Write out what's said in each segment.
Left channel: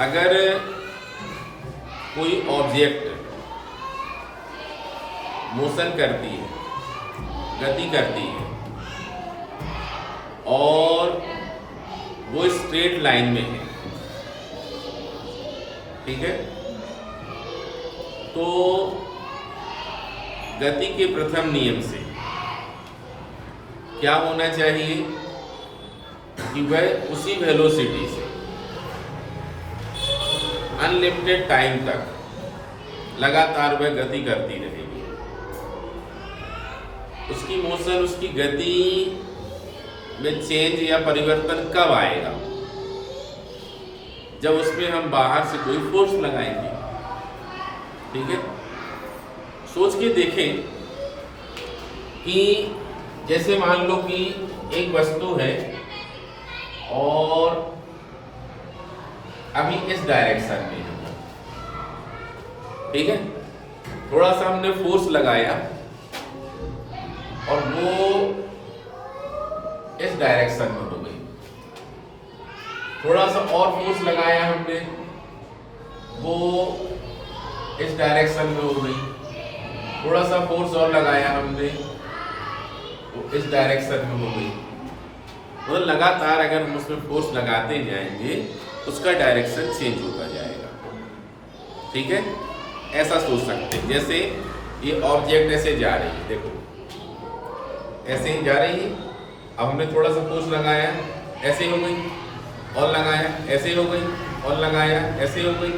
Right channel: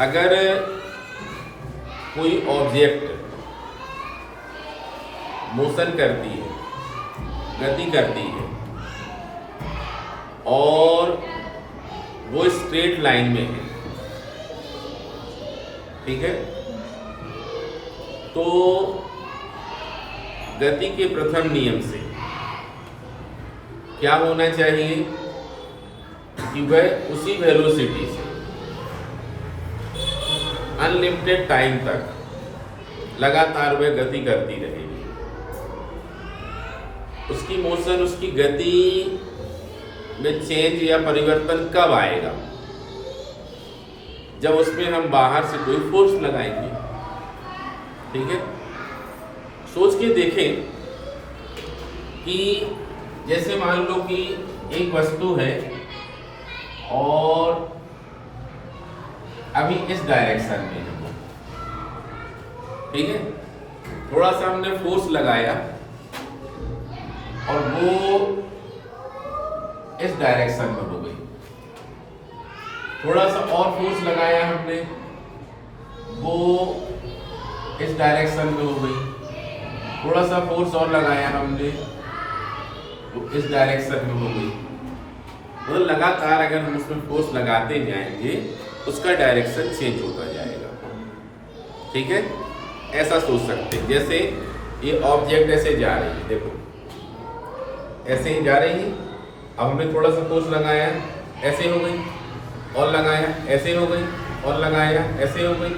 अगर कोई object motion करती है, गति करती है और वो स्ट्रेट लाइन में है, ठीक है, तो गति के प्रथम नियम से क्या होना चाहिए कि वह उसी वेलोसिटी से अनलिमिटेड टाइम तक लगातार वह गति करती रहेगी। उसकी मोशन, उसकी गति में चेंज या परिवर्तन कब आएगा? जब उसमें हम बाहर से कोई फोर्स लगाएंगे। ठीक है, सोच के देखें कि जैसे मान लो कि एक वस्तु है और अभी इस डायरेक्शन में है, ठीक है, थोड़ा सा हमने फोर्स लगाया और वो इस डायरेक्शन में हो गई। थोड़ा सा और फोर्स लगाया हमने, वो इस डायरेक्शन में हो गई। थोड़ा सा फोर्स और लगाया हमने, वो इस डायरेक्शन में हो गई। मतलब लगातार अगर हम उसमें फोर्स लगाते जाएंगे उसका डायरेक्शन चेंज होता जाएगा। ठीक है, ऐसा सोच सकते हैं। जैसे ये ऑब्जेक्ट ऐसे जा रही है, देखो ऐसे ही जा रही है। अब हमने थोड़ा सा फोर्स लगाया, ऐसे हो गई, और लगाया, ऐसे हो गई, और लगाया, ऐसे हो गई,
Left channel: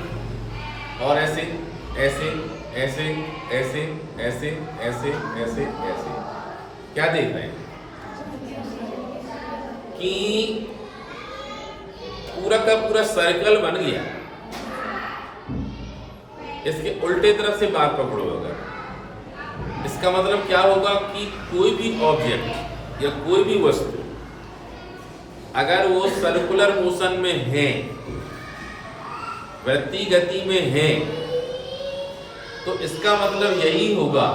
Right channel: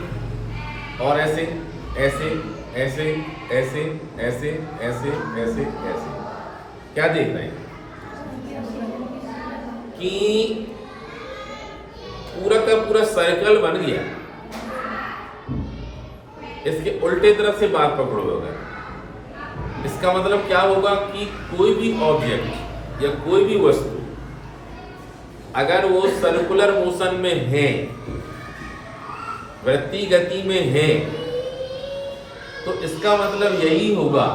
और ऐसे ऐसे ऐसे ऐसे ऐसे ऐसे ऐसे ऐसे। क्या देख रहे हैं कि पूरा का पूरा सर्कल बन गया। इसके उल्टे तरफ से बात पकड़ो अगर, इसका मतलब क्या होगा कि कोई भी ऑब्जेक्ट या कोई भी वस्तु अगर वो सर्कुलर मोशन में है, वृत्तीय गति में है, तो इसका मतलब यही होगा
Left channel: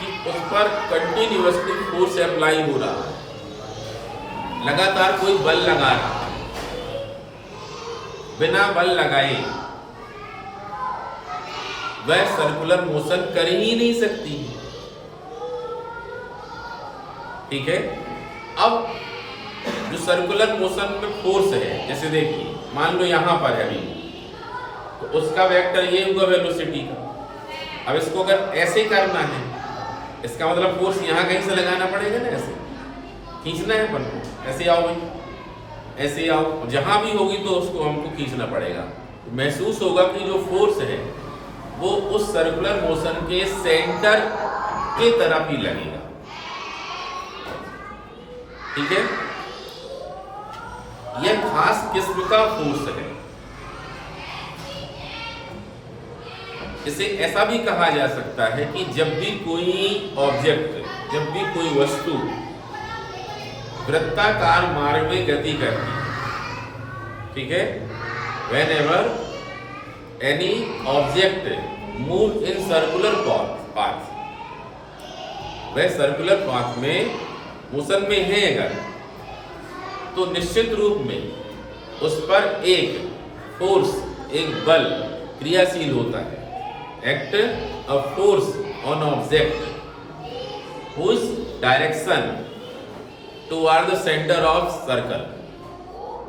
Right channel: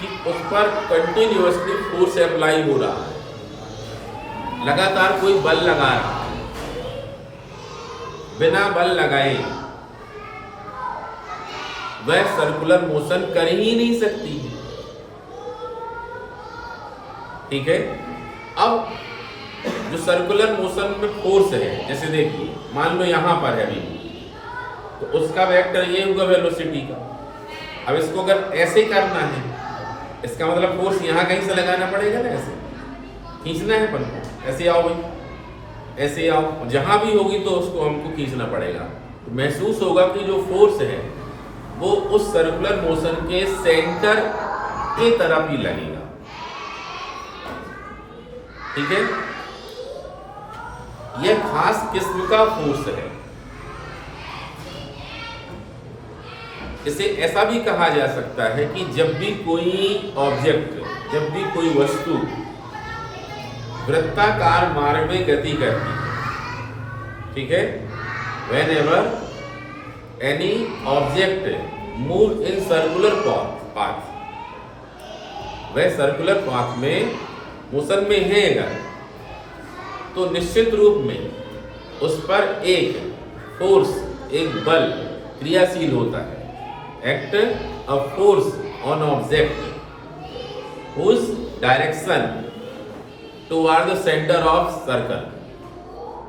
कि उस पर कंटिन्यूअसली फोर्स अप्लाई हो रहा है, लगातार कोई बल लगा रहा है। बिना बल लगाए वह सर्कुलर मोशन कर ही नहीं सकती। ठीक है, अब जो सर्कुलर मोशन में फोर्स है, जैसे देखिए मान लो यहां पर है अभी, तो उसका वेक्टर ये होगा वेलोसिटी का। अब इसको अगर ऐसे करना है, इसका मतलब फोर्स यहां कहीं से लगाना पड़ेगा ना, ऐसे खींचना है अपन को। ऐसे आओ भाई, ऐसे आओ, जहां भी होगी तो उसको हमको खींचना पड़ेगा। तो महसूस होगा कि जो फोर्स है वो उस सर्कुलर मोशन के सेंटर के तरफ ही लगेगा। ठीक है, यह खास किस्म का फोर्स है। इसे ऐसा भी कहा जा सकता है कि जब भी कोई ऑब्जेक्ट, जब भी कोई वस्तु वृत्ताकार मार्ग में गति करती है, ठीक है, whenever any object move in circular path, वह सर्कुलर पाथ में मोशन में है अगर, तो निश्चित रूप में उस पर एक फोर्स, एक बल क्रियाशील होता है। Act a force on object whose direction toward the center of circle,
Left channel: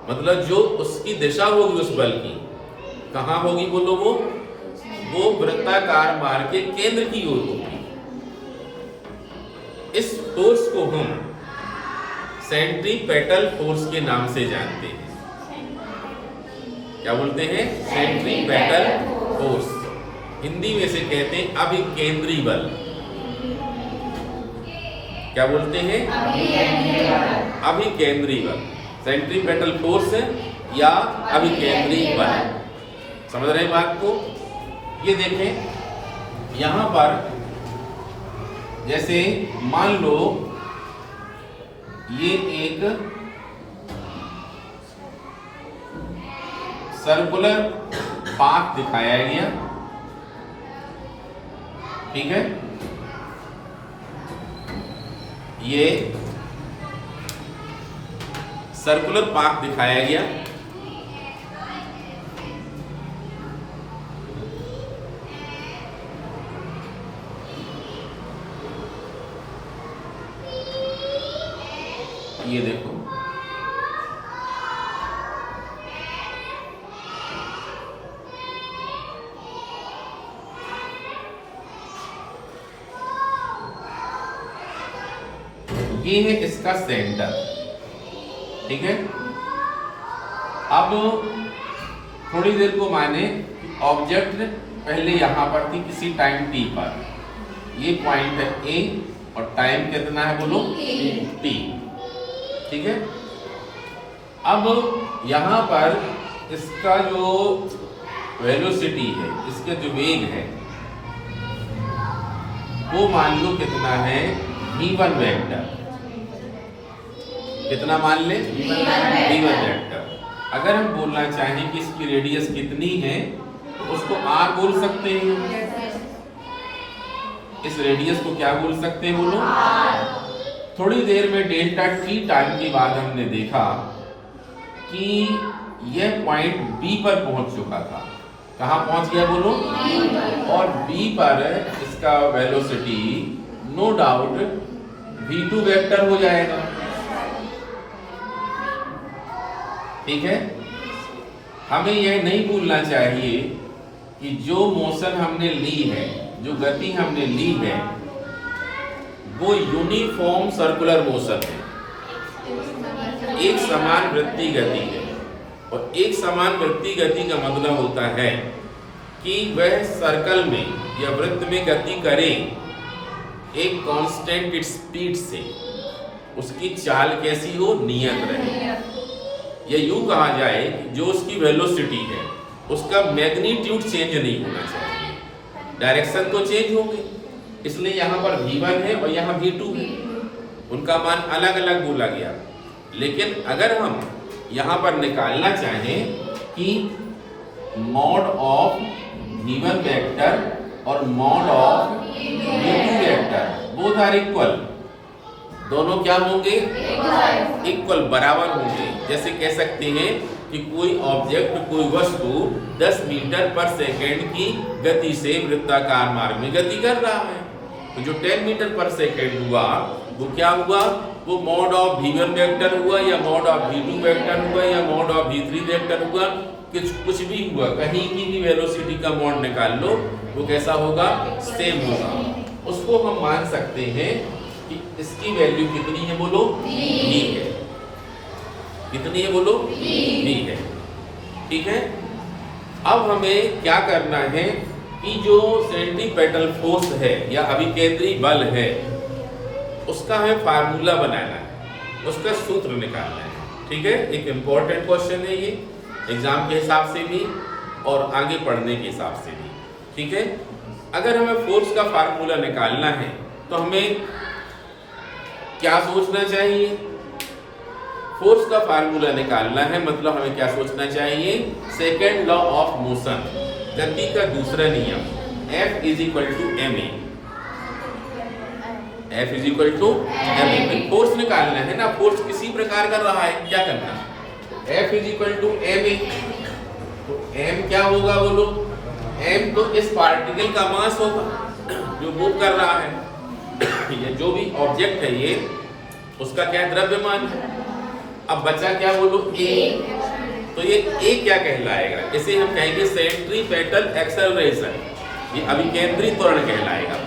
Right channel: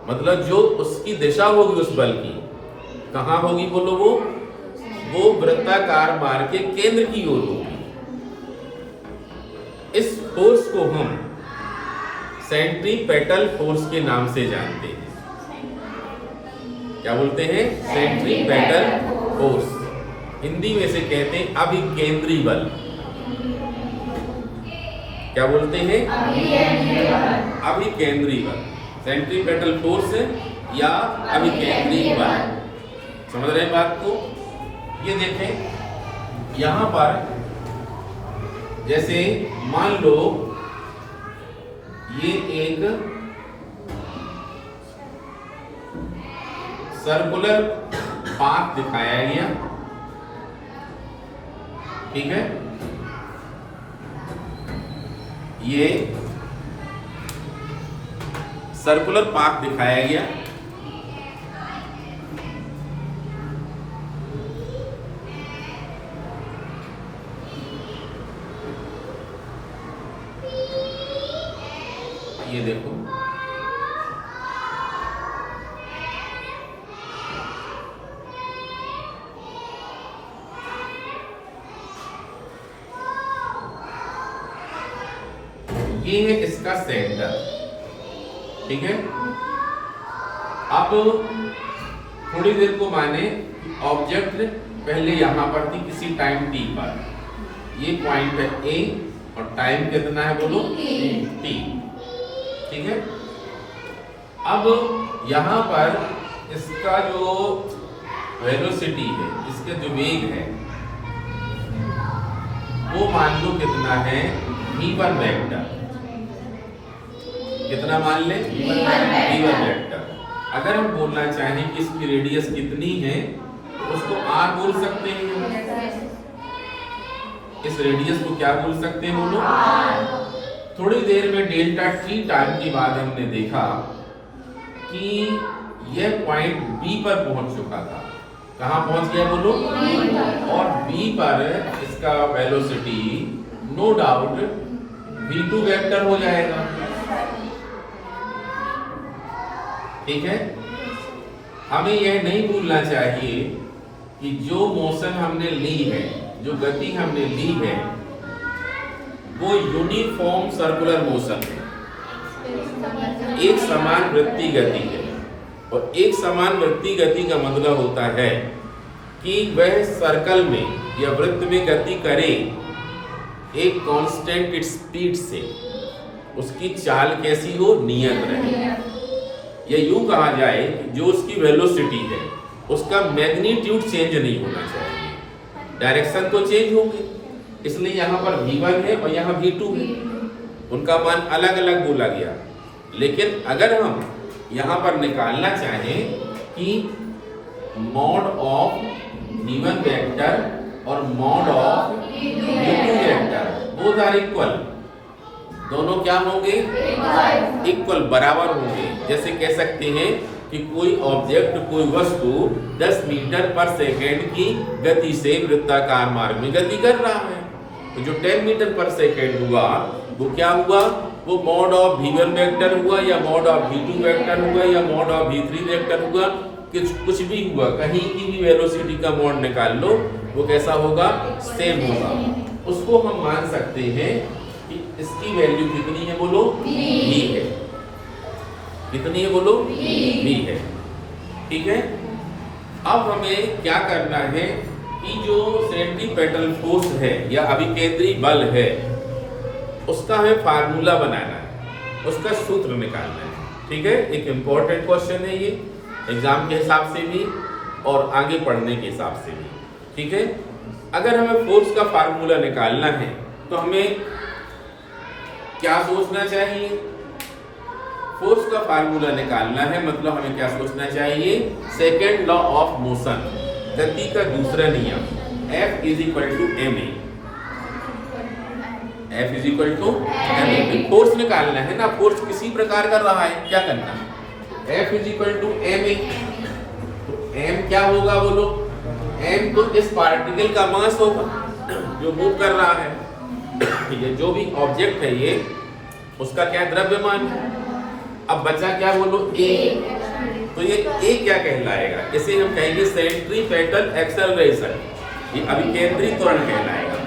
मतलब जो उसकी दिशा होगी उस बल की, कहां होगी बोलो? वो वृत्ताकार मार्ग के केंद्र की ओर होगी। इस फोर्स को हम सेंट्रीपेटल फोर्स के नाम से जानते हैं। क्या बोलते हैं? Centripetal force. हिंदी में से कहते हैं अभिकेंद्री बल। क्या बोलते हैं? अभिकेंद्री बल, सेंट्रीपेटल फोर्स या अभिकेंद्री बल। समझ रहे हैं बात को? ये देखें यहां पर, जैसे मान लो ये एक सर्कुलर पाथ दिखाया गया, ठीक है, ये सर्कुलर पाथ दिखाया गया ये देखो, ये है इसका सेंटर, ठीक है। अब थोड़ी देर को माने ऑब्जेक्ट पहले यहां पर थी किसी टाइम t पर, ये पॉइंट है A और टाइम कितना है बोलो t, ठीक है। अब यहां पर इसका जो वेलोसिटी है, इसके जो वेग है वो मान लो कितना है v1 वेक्टर, कितना मान ले v1 वेक्टर। अगर हम बोलना चाहें कि इसकी रेडियस कितनी है तो उसको r बोल सकते हैं, इस रेडियस को क्या बोल सकते हैं बोलो, थोड़ी देर में डेल्टा t टाइम के बाद हमने देखा कि यह पॉइंट B पर पहुंच चुका था। कहां पहुंच गया बोलो, और B पर इसका velocity no doubt v2 vector हो जाएगा, ठीक है। हमें यह नहीं भूलना चाहिए कि जो मोशन हमने ली है, जो गति हमने ली है, वो यूनिफॉर्म सर्कुलर मोशन है, एक समान वृत्तीय गति है। और एक समान वृत्तीय गति का मतलब होता है कि वह सर्कल में या वृत्त में गति करे एक कांस्टेंट स्पीड से, उसकी चाल कैसी हो, नियत रहे। या यूं कहा जाए जो उसकी वेलोसिटी है उसका मैग्नीट्यूड चेंज नहीं होना चाहिए, डायरेक्शन तो चेंज होंगे, इसलिए यहाँ पर v1 है और यहाँ v2 है, उनका मान अलग अलग बोला गया। लेकिन अगर हम यहाँ पर निकालना चाहें कि मॉड ऑफ v1 वेक्टर और mod of v2 vector both are equal, दोनों क्या होंगे, इक्वल, बराबर होंगे। जैसे कह सकते हैं कि कोई ऑब्जेक्ट, कोई वस्तु 10 मीटर पर सेकेंड की गति से वृत्ताकार मार्ग में गति कर रहा है, तो जो 10 मीटर पर सेकेंड हुआ वो क्या हुआ, वो मॉड ऑफ v1 वेक्टर हुआ या मॉड ऑफ v2 वेक्टर हुआ या मॉड ऑफ v3 वेक्टर हुआ, कुछ भी हुआ, कहीं की भी वेलोसिटी का मॉड निकाल लो, वो कैसा होगा, सेम होगा। उसको हम मान सकते हैं कि इसकी वैल्यू कितनी है बोलो, v है, कितनी है बोलो, v है, ठीक है। अब हमें क्या करना है कि जो सेंट्रीपेटल फोर्स है या अभिकेंद्री बल है उसका हमें फार्मूला बनाना है, उसका सूत्र निकालना है, ठीक है। एक इंपॉर्टेंट क्वेश्चन है ये, एग्जाम के हिसाब से भी और आगे पढ़ने के हिसाब से भी, ठीक है। अगर हमें फोर्स का फार्मूला निकालना है तो हमें क्या सोचना चाहिए, फोर्स का फार्मूला निकालना है मतलब हमें क्या सोचना चाहिए, सेकेंड लॉ ऑफ मोशन, गति का दूसरा नियम, F is equal to ma, F is equal to ma। Force निकालना है ना, फोर्स किसी प्रकार कर रहा है, क्या करना है, F is equal to ma, तो m क्या होगा बोलो, m तो इस पार्टिकल का मास होगा जो मूव कर रहा है, ये जो भी ऑब्जेक्ट है ये, उसका क्या द्रव्यमान है। अब बचा क्या बोलो, a, तो ये a क्या कहलाएगा, इसे हम कहेंगे सेंट्रीपेटल एक्सेलरेशन, ये अभिकेंद्री त्वरण कहलाएगा।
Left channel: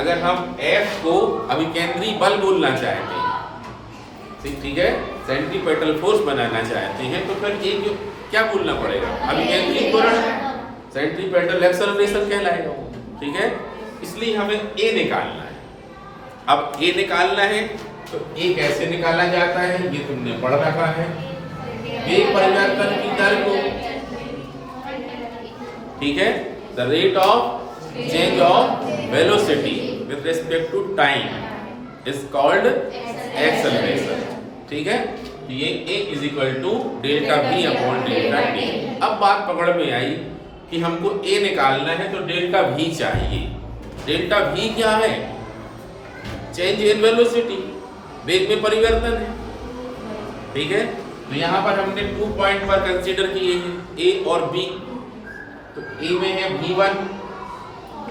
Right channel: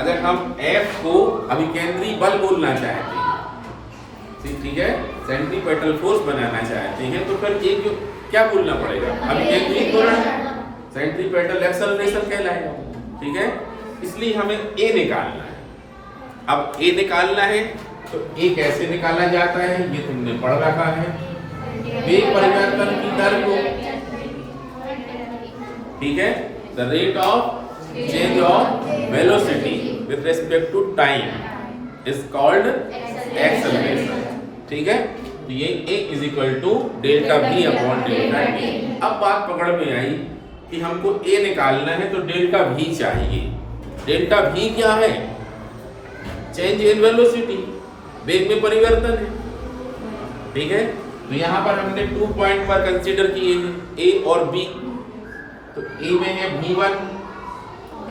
अगर हम F को अभिकेंद्री बल बोलना चाहते हैं, ठीक है, सेंट्रीपेटल फोर्स बनाना चाहते हैं, तो फिर ये जो क्या बोलना पड़ेगा, अभिकेंद्री त्वरण, सेंट्रीपेटल एक्सेलरेशन कहलाएगा, ठीक है। इसलिए हमें A निकालना है। अब A निकालना है तो A कैसे निकाला जाता है, ये तुमने पढ़ रखा है, वेग परिवर्तन की दर को, ठीक है, the rate of change of velocity with respect to time is called acceleration, ठीक है। तो ये A is equal to delta V upon delta T। अब बात पकड़ में आई कि हमको A निकालना है तो डेल्टा V चाहिए। डेल्टा V क्या है, चेंज इन वेलोसिटी, वेग में परिवर्तन है, ठीक है। तो यहाँ पर हमने 2 पॉइंट पर कंसीडर किए हैं, A और B। तो A में है v1,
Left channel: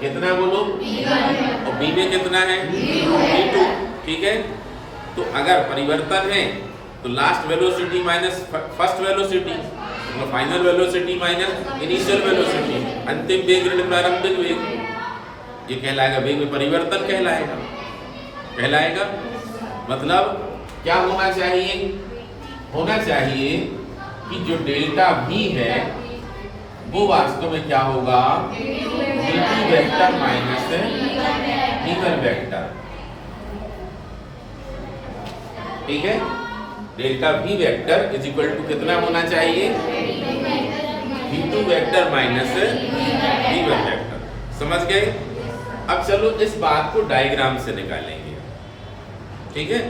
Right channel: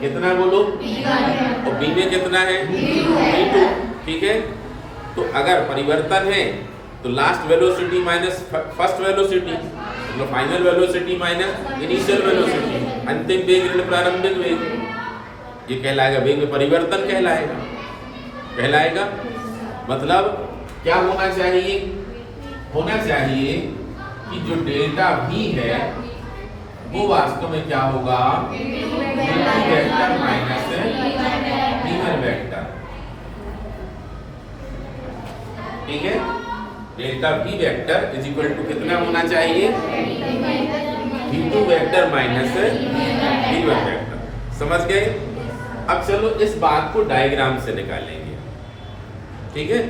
कितना बोलो, और B में कितना है v2, ठीक है। तो तो अगर परिवर्तन है तो last velocity minus first velocity, मतलब final velocity minus initial velocity, अंतिम वेग ऋण प्रारंभिक वेग, ये कहलाएगा वेग में परिवर्तन कहलाएगा। मतलब क्या होना चाहिए? होना चाहिए कि जो डेल्टा v है वो वास्तव में क्या होगा? v2 vector minus v1 vector. ठीक है, delta v vector is equal to कितना होना चाहिए? v2 vector minus v1 vector. समझ गए? अब चलो इस बात को डायग्राम से निकालेंगे। ठीक है,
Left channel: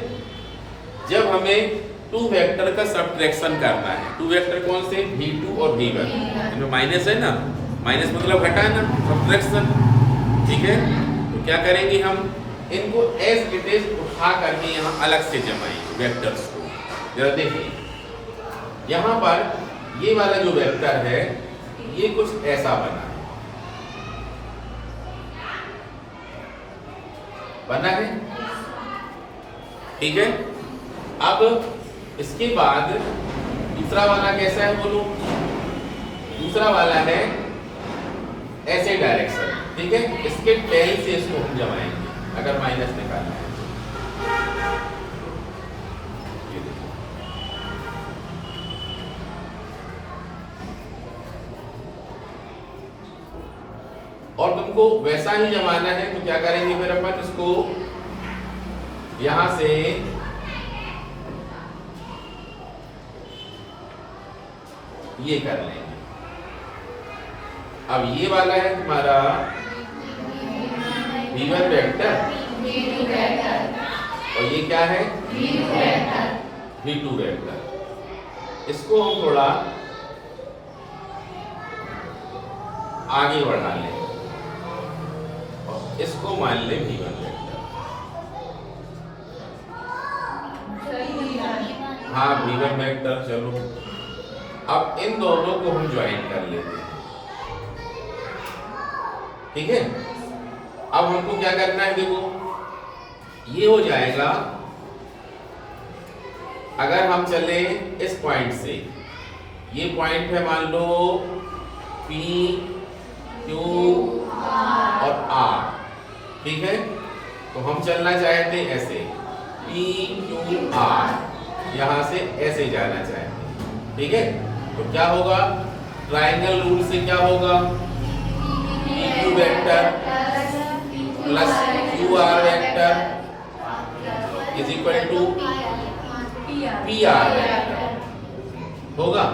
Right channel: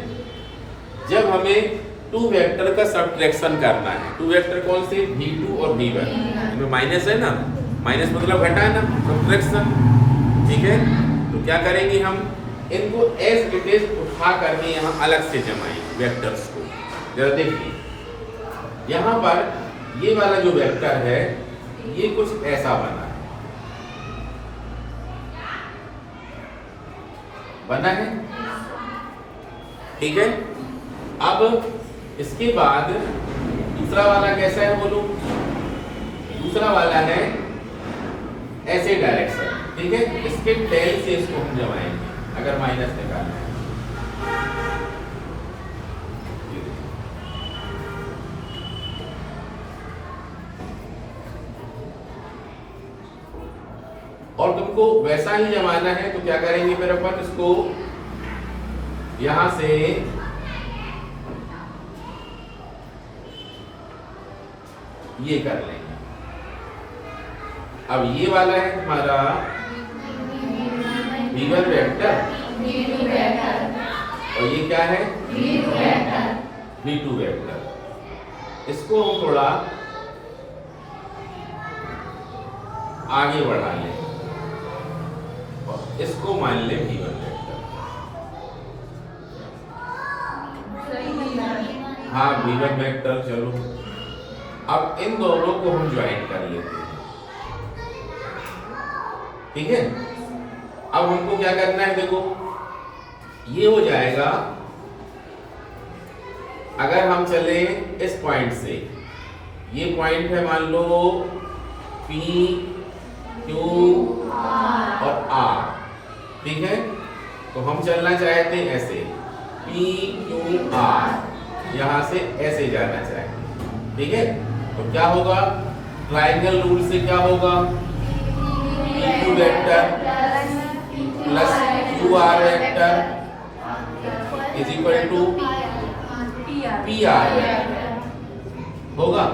जब हमें टू वेक्टर का सब्ट्रैक्शन करना है, टू वेक्टर कौन से? v2 और v1, इनमें माइनस है ना, माइनस मतलब घटाना, सब्ट्रैक्शन। ठीक है, तो क्या करेंगे हम? इनको एज इट इज उठा करके यहाँ अलग से जमाएंगे वेक्टर्स को। जरा देखिए, यहाँ पर ये वाला जो वेक्टर है ये कुछ ऐसा बना है। ठीक है, अब इसके बाद दूसरा वाला कैसा है बोलो? दूसरा वाला है ऐसे डायरेक्शन। ठीक है, इसके टेल से इसको हम जमाएंगे अगर माइनस निकालना है। ये देखो, और तुमको वैसा ही जमाना है तो क्या करेंगे फिर अपन? इसको यहां से ये कर लेंगे। अब ये वाला है तुम्हारा v1 वेक्टर और ये क्या है? v2 vector. इसको हम थोड़ा आगे बढ़ा लें और इसको मान लें v1 वेक्टर। हाँ, v1 वेक्टर। चलो अब इन दोनों को हम ज्वाइन कर लेते हैं। ठीक है, अब हमको क्या करना है? देखो, ये हो जाएगा अगर हम चले इस पॉइंट से, ये पॉइंट है मान लो P, Q और R। ठीक है, तो हम चलना चाहते हैं ऐसे P, Q, R, यहां से ऐसे जाना चाहेंगे। ठीक है, तो क्या होगा? ट्रायंगल रूल से क्या होगा? PQ vector plus QR vector is equal to PR vector होगा।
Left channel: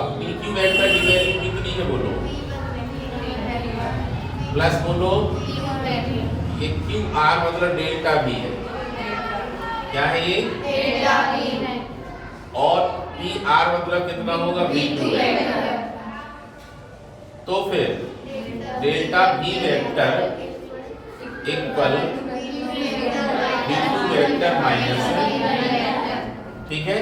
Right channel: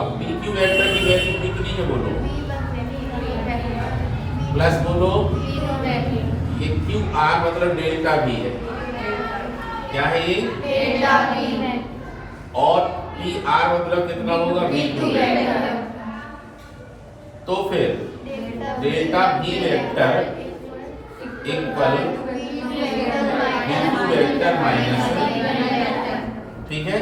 अब PQ वेक्टर की वैल्यू कितनी है बोलो? प्लस बोलो, ये QR मतलब डेल्टा V है। क्या है ये? डेल्टा V है। और PR मतलब कितना होगा? v2 vector. तो फिर delta V vector equal v2 vector minus. ठीक है,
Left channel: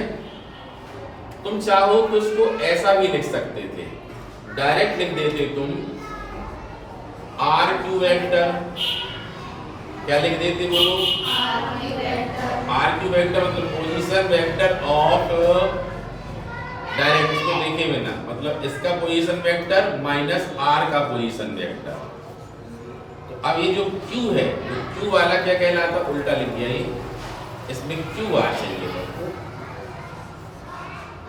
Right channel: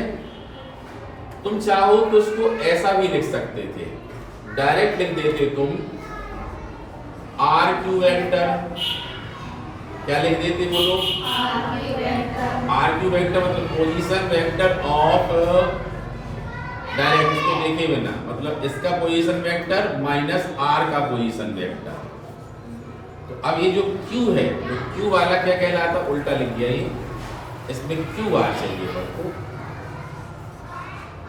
तुम चाहो तो उसको ऐसा भी लिख सकते थे, डायरेक्ट लिख देते तुम RQ वेक्टर। क्या लिख देते बोलो? RQ वेक्टर मतलब पोजीशन वेक्टर ऑफ, डायरेक्ट इसको देखे बिना, मतलब इसका पोजीशन वेक्टर माइनस R का पोजीशन वेक्टर। तो अब ये जो Q है, जो Q वाला क्या कहलाता? उल्टा लिख दिया ये, इसमें QR चाहिए बच्चों,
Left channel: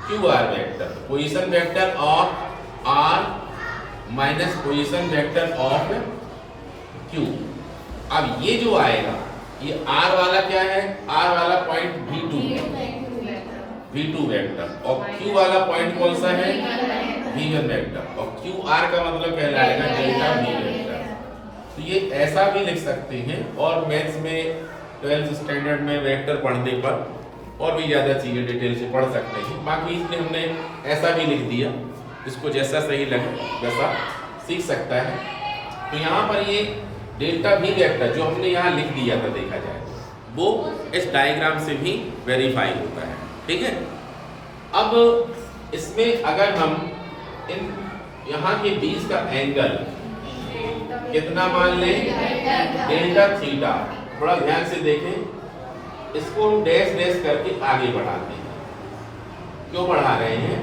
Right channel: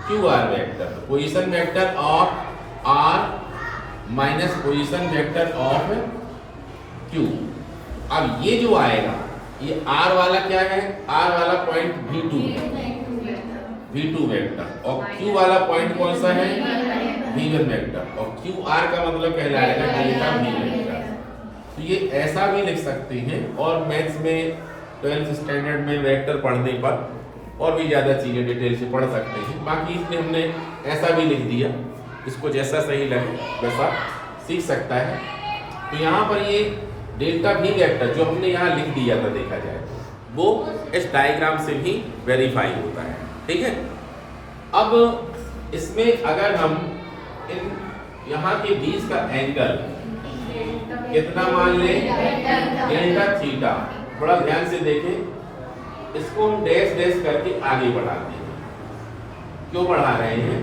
QR वेक्टर। तो position vector of R minus position vector of Q। अब ये जो आएगा, ये R वाला क्या है? R वाला पॉइंट v2 है, v2 वेक्टर, और Q वाला पॉइंट कौन सा है? v1 वेक्टर, और QR का मतलब कहलाएगा डेल्टा V वेक्टर। तो ये ऐसा भी लिख सकते हैं, और मैथ्स में 12th स्टैंडर्ड में वेक्टर पढ़ने पर और भी ज़्यादा चीज़ें डिटेल से पढ़ सकते हैं। बाकी इसलिए हमने ऐसा भी लिख दिया, इसको जैसा सही लगे वैसा सीख सकता है। तो यहाँ पर ये डेल्टा V वेक्टर जो हमने यहाँ लिख दिया था, देखा जाए वो इस डायग्राम से भी वेरीफाई होता है। ठीक है, अब इसमें अगर हम इन यहाँ के बीच का एंगल कितना मान लें? Delta theta. बड़ा ध्यान से देखें, इसको हम डैश डैश करके आगे बढ़ाते हैं। क्यों बढ़ा रहे हैं?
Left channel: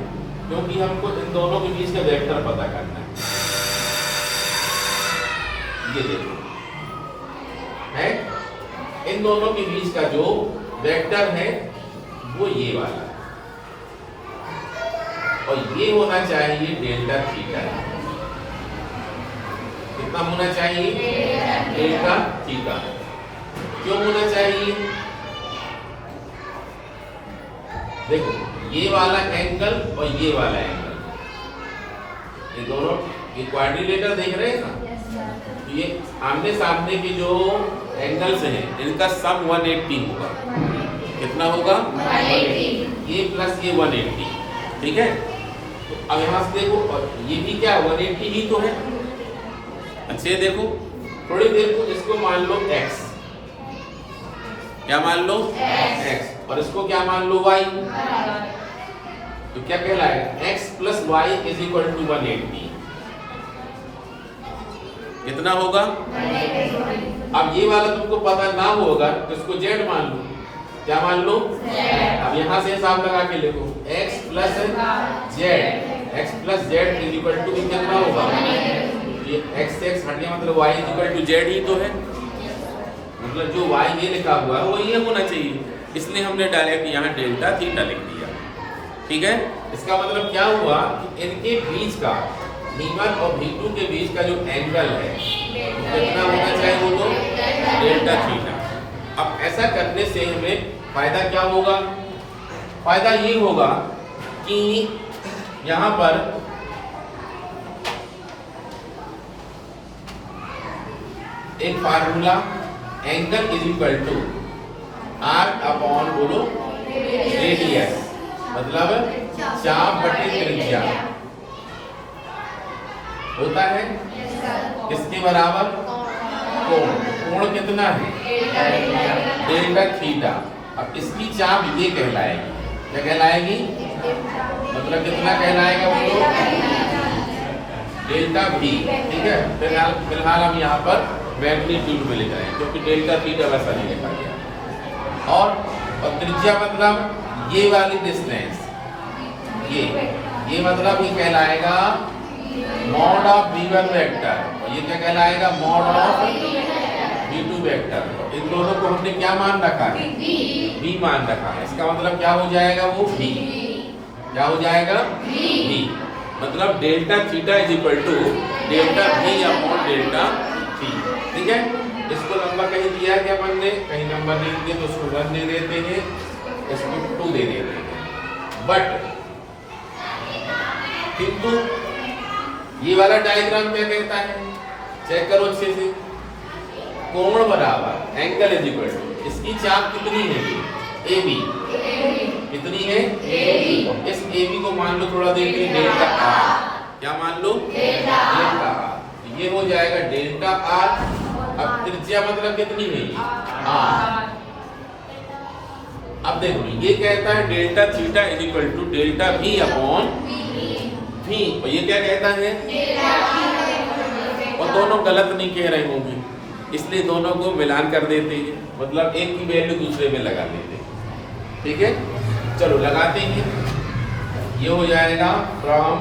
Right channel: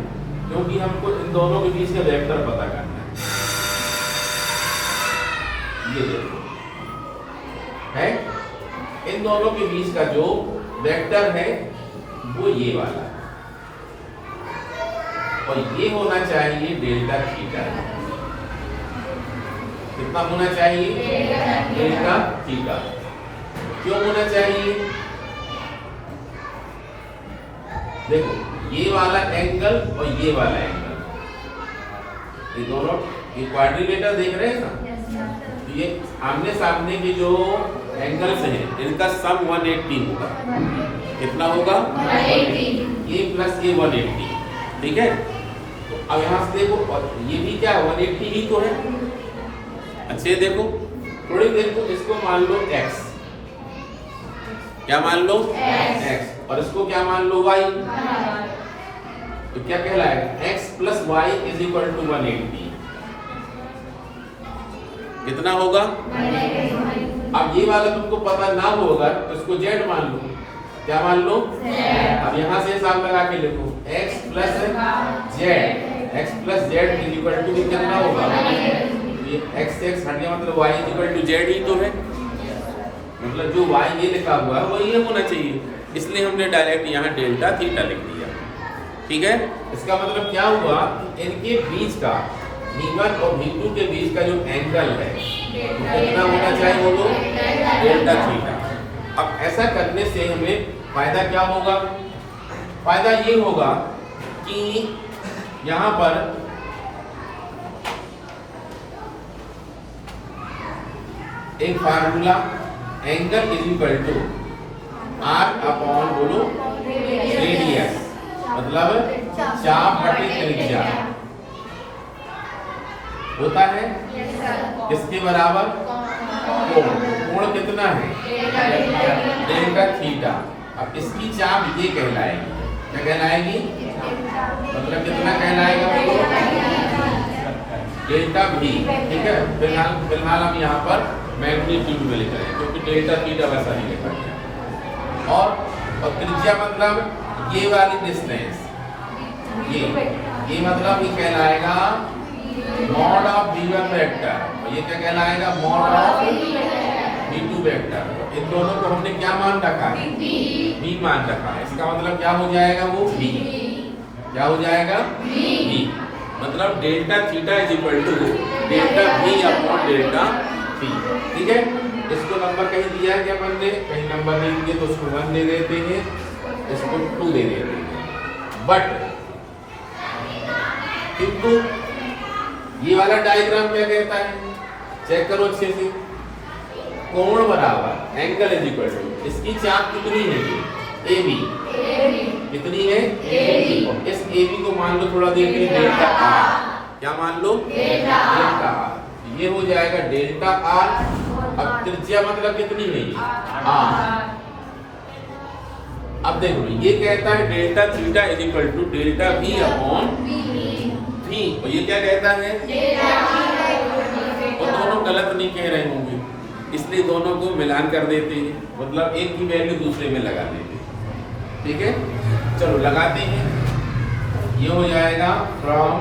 क्योंकि हमको इन दोनों के बीच का वेक्टर पता करना है। ये देखो है, इन दोनों के बीच का जो वेक्टर है वो ये वाला है, और ये होना चाहिए डेल्टा थीटा। कितना होना चाहिए? Delta theta. क्यों होना चाहिए? देखो ये वाला एंगल और ये वाला एंगल, ये दोनों ये क्वाड्रिलेटर देख रहे हैं ना, तो ये आमने सामने के जो एंगल्स हैं इनका सम 180 होगा। कितना होगा? 180। ये प्लस ये 180, ठीक है। तो अब यहाँ से देखो, और ये भी क्या 180 ही तो है। अच्छे देखो, थोड़ी देर को इसको मान लो x, क्या मान लो? x, और इसको क्या मान लो? y। तो क्या कहलाएगा? x plus y is equal to 180। कितना होगा? अब ये वाला तुमको पता ना होगा तो इसको z मान लो। क्या मान लो? अब यहाँ से हिसाब लगा के लिखो, x plus z is equal to कितना होगा? ये x से x हट गया, मतलब y is equal to z ही तो है। मतलब जो y ये लिखा हुआ है वो ये होना चाहिए, इसलिए हमने डायरेक्ट यहाँ डेल्टा थीटा लिख दिया। ठीक है, इसका मतलब क्या हुआ कि इनके बीच का V1 और V2 के बीच का जो एंगल है तो कितना होना चाहिए? वो तो डेल्टा थीटा। अब ऐसा करने से हमें फायदा क्या होगा? फायदा ये होगा कि यहाँ पर एक formula angle is equal to arc upon बोलो रेडियस, मतलब चाप बटे त्रिज्या होता है। किसके बराबर? कोण। कोण कितना है? Delta theta. अब इसकी चाप ये कहलाएगी, क्या कहलाएगी? मतलब कितना कहलाएगा? बोलो डेल्टा भी। ठीक है, फिलहाल हम यहाँ पर मैग्नीट्यूड में लिख रहे हैं क्योंकि डेल्टा थीटा वैसा ही लिखा गया। और त्रिज्या मतलब ये वाली डिस्टेंस, ये मतलब ये कहलाएगा मॉड ऑफ V1 वेक्टर, और ये क्या कहलाएगा? Mod of V2 vector. इन दोनों को हमने क्या मान रखा है? V मान रखा है। इसका मतलब क्या हो जाएगा? वो V। क्या हो जाएगा? V। मतलब delta theta is equal to delta V upon delta थी। ठीक है, इसको नंबर कहीं दिया है क्या अपन ने? कहीं नंबर नहीं दिए तो उसको 1 दे देते हैं, इसको 2 दे देते हैं। बट किंतु ये वाला डायग्राम क्या कहता है? चेक करो अच्छे से। कोण बराबर एंगल इज इक्वल टू, इसकी चाप कितनी है? AB। कितनी है? AB। इस AB को मान लो थोड़ा देर के लिए डेल्टा R। क्या मान लो? Delta R। ये हो जाएगा डेल्टा R। अब त्रिज्या मतलब कितनी है? R। अब देखो ये कहता है delta theta is equal to delta V upon V, और ये क्या कहता है? और दोनों गलत नहीं कह रहे होंगे, इसलिए दोनों को मिलान कर देते हैं, मतलब एक की वैल्यू दूसरे में लगा देते हैं। ठीक है, चलो लगाते हैं। ये हो जाएगा फ्रॉम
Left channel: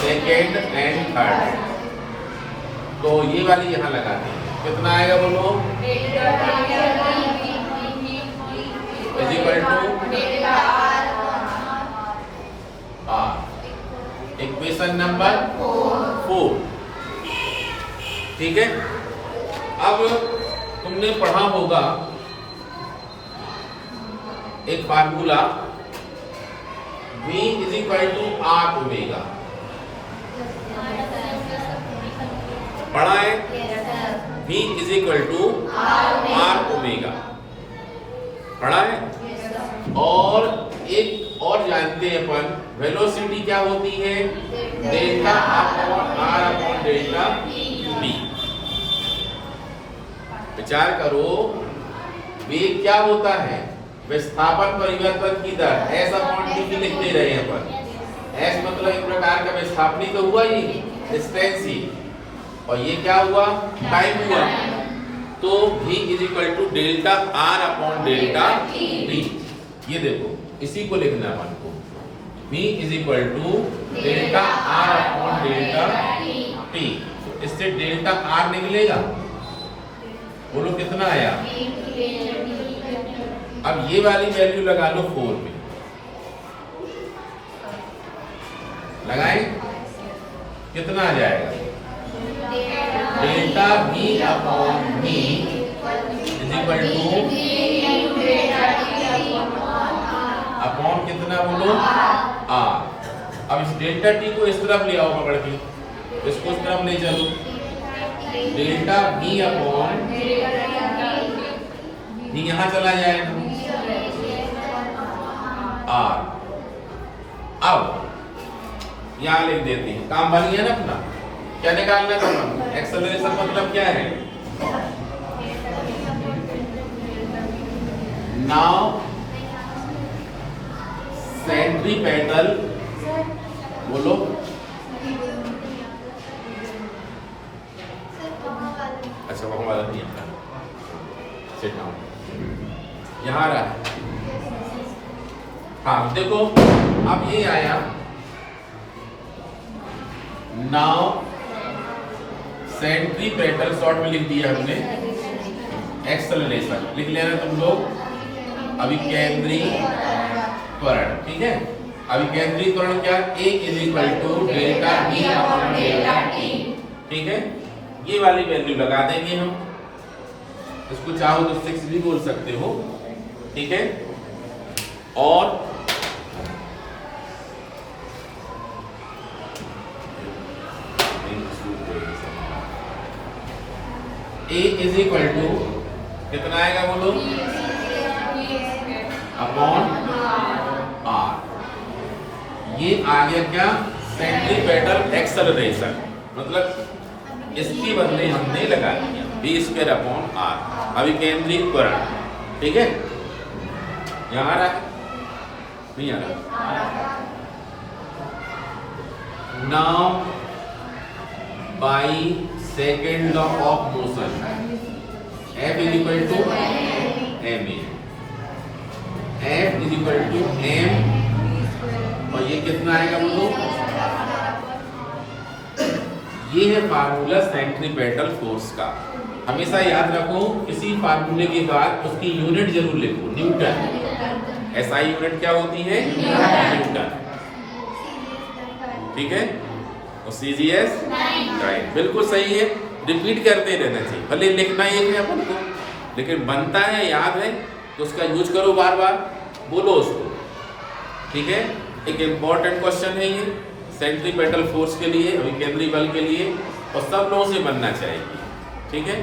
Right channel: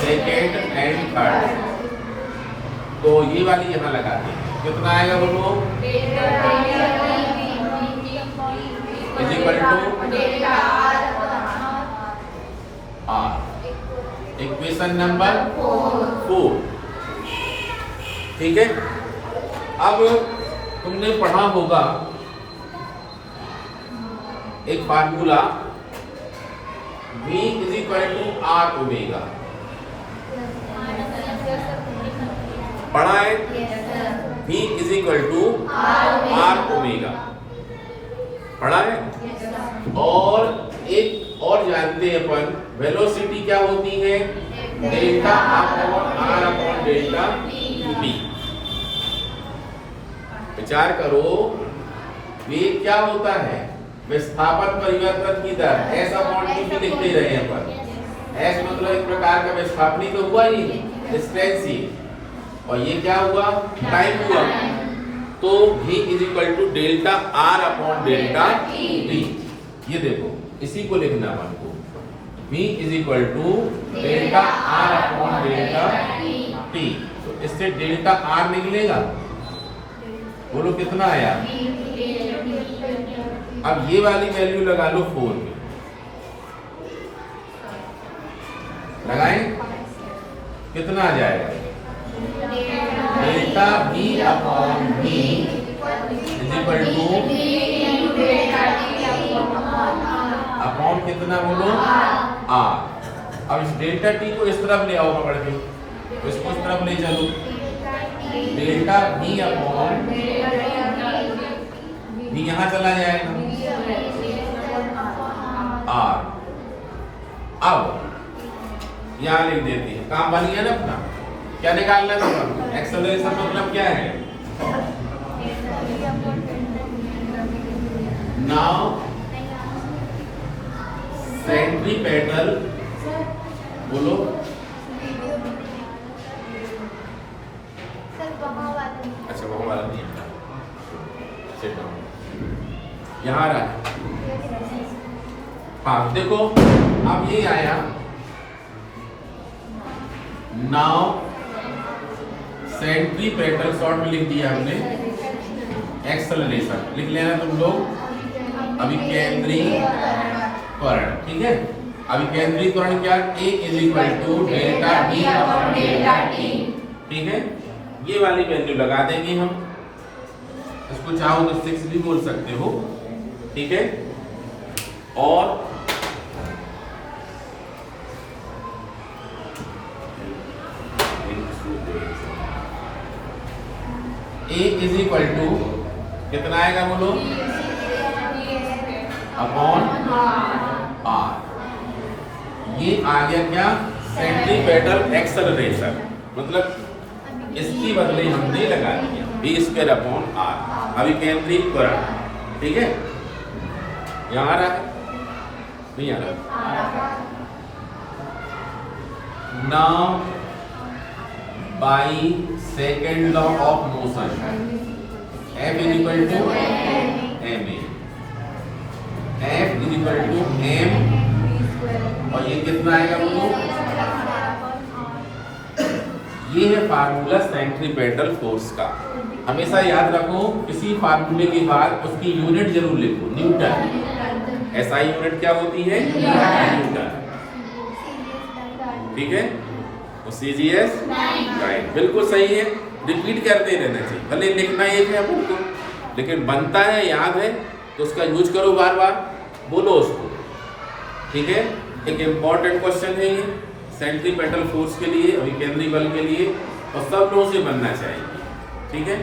सेकेंड एंड थर्ड, तो ये वाली यहाँ लगाते हैं। कितना आएगा बोलो? Is equal to R। Equation number 4। ठीक है, अब तुमने पढ़ा होगा एक formula V is equal to R omega. पढ़ा है? V is equal to R omega पढ़ा है। और एक और जानते हैं अपन, वेलोसिटी क्या होती है? Delta upon R upon delta V। विचार करो, वेग क्या होता है? विस्थापन परिवर्तन की दर, S अपॉन t लिखते रहे अपन। S मतलब एक प्रकार का विस्थापन तो हुआ ही, डिस्टेंस ही, और ये क्या हुआ? टाइम हुआ। तो V is equal to delta R upon delta T। ये देखो इसी को लिखना है हमको, V is equal to delta R upon delta T। तो इससे डेल्टा R निकलेगा, बोलो कितना आया। अब ये वाली वैल्यू लगा लो 4 में, लगाएं कितना आ जाएगा, delta V upon V is equal two upon कितना बोलो R। अब इस डेल्टा T को इस तरफ ले आओ पकड़ के, तो इसको इस तरफ ले चलो, डेल्टा V अपॉन V यहां चला जाएगा R। अब यहां लिख देते हैं, काम बन गया ना अपना। क्या निकालना था अपन को, एक्सेलरेशन मतलब क्या है, नाउ सेंट्रीपेटल, बोलो अच्छा वहां वाला नहीं है, सेट डाउन यहां रहा है। हाँ देखो अब ये आया, नाउ सेंट्रीपेटल शॉर्ट में लिख दिया हमने, एक्सेलरेशन लिख लेना तुम लोग। अभिकेंद्रीय त्वरण, ठीक है, अभिकेंद्रीय त्वरण क्या, A is equal to delta D upon delta T, ठीक है। ये वाली वैल्यू लगा देंगे हम, इसको चाहो तो 6 भी बोल सकते हो, ठीक है। और A इज इक्वल टू कितना आएगा बोलो, अपॉन R। ये आ गया क्या, सेंट्रीपेटल एक्सेलरेशन, मतलब इसके बदले हमने लगा दिया V स्क्वायर अपॉन R, अभिकेंद्रीय त्वरण, ठीक है। यहाँ आ रहा है, नहीं आ रहा। Now by second law of motion, F is equal to ma, F is equal to m, और ये कितना आएगा बोलो, ये है फार्मूला सेंट्रीपेटल फोर्स का। हमेशा याद रखो, किसी फार्मूले के बाद उसकी यूनिट जरूर लिखो, न्यूटन। एसआई यूनिट क्या होती है, न्यूटन, ठीक है। और CGS 9, बिल्कुल सही है। रिपीट करते रहना चाहिए, भले लिखना एक है अपन को, लेकिन बनता है, याद है, तो उसका यूज करो बार बार, बोलो उसको, ठीक है। एक इम्पॉर्टेंट क्वेश्चन है ये सेंट्रीपेटल फोर्स के लिए, अभिकेंद्रीय बल के लिए, और सब लोगों से बनना चाहिए, ठीक है।